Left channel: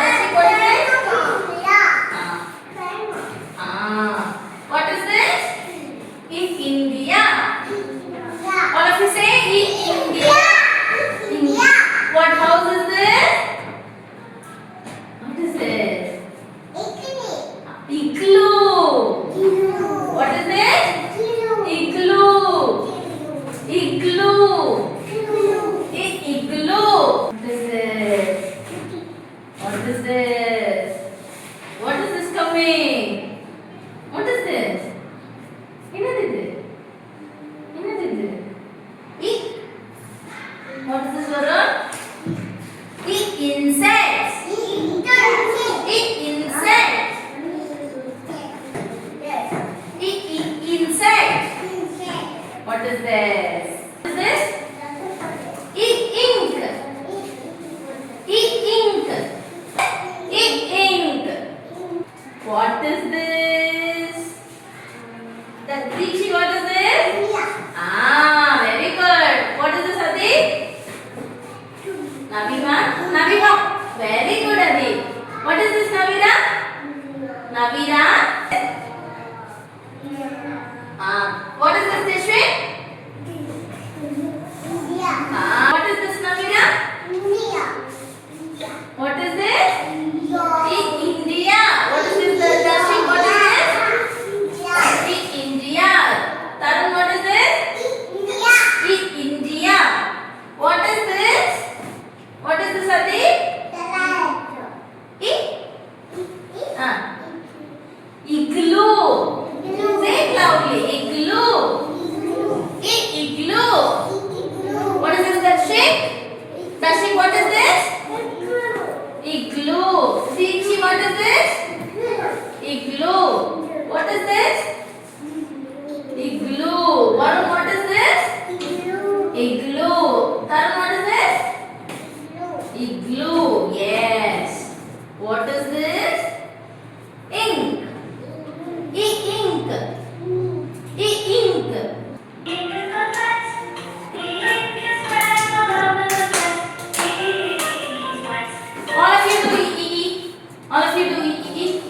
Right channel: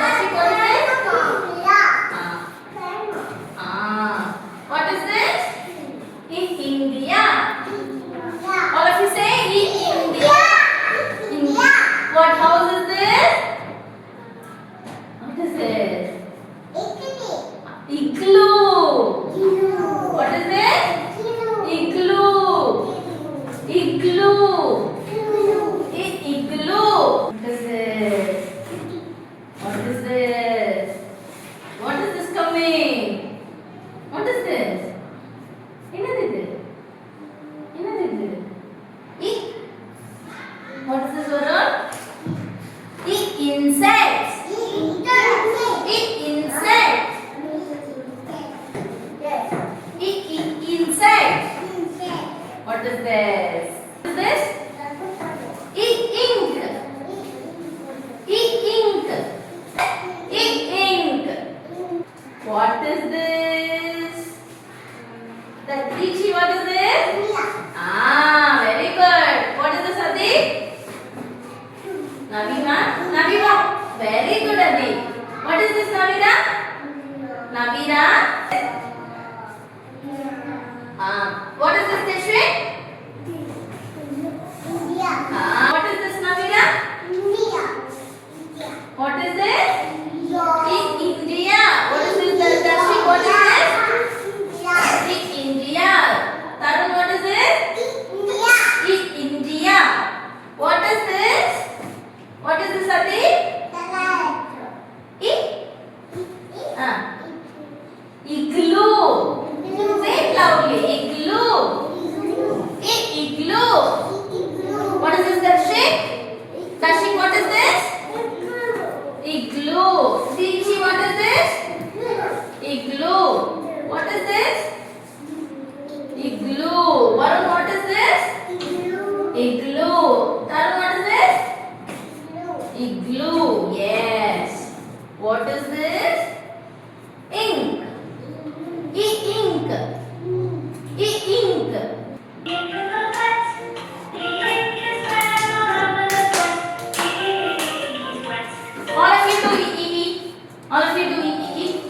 Dashi, what is this? What is this? In India. All of you say in India. India. What house is this? What is this? Igloo. What is this? Igloo. Igloo. Igloo. What is this? What is this? What is this coming? What is this? What is this word? Insects. Insects. Insects. What is this? What is this? Ink. Ink. Ink. What is this? The Rishi, what is this? Very good. What is this, Adi? Navima? Navima. Very good, Adi. What is this, Navira? Navira? What is this, Teshwin? What is this, Navira? What is this? India. What is this, Dashi? What is this? India. Tarun, what is this? India. What is this? What is this, Adi? Igloo. Say it loudly. Igloo. Igloo. What is this, Darshik? Darshik, what is this? Igloo. Rishi, what is this? Igloo. What is this? Igloo. Varun, what is this? Igloo. Tarun, what is this? Igloo. Yes. What is this? Ink. Ink. Ink. All of you do E. All of you do E.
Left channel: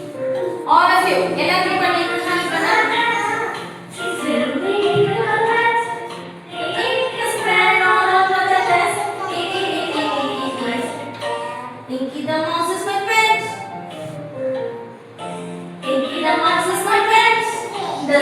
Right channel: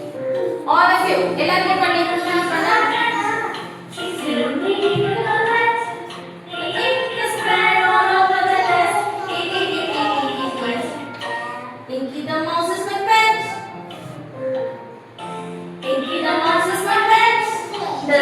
All of you. எல்லாரும் பண்ணி Pinky the mouse is my pet. Pinky the mouse is my pet. The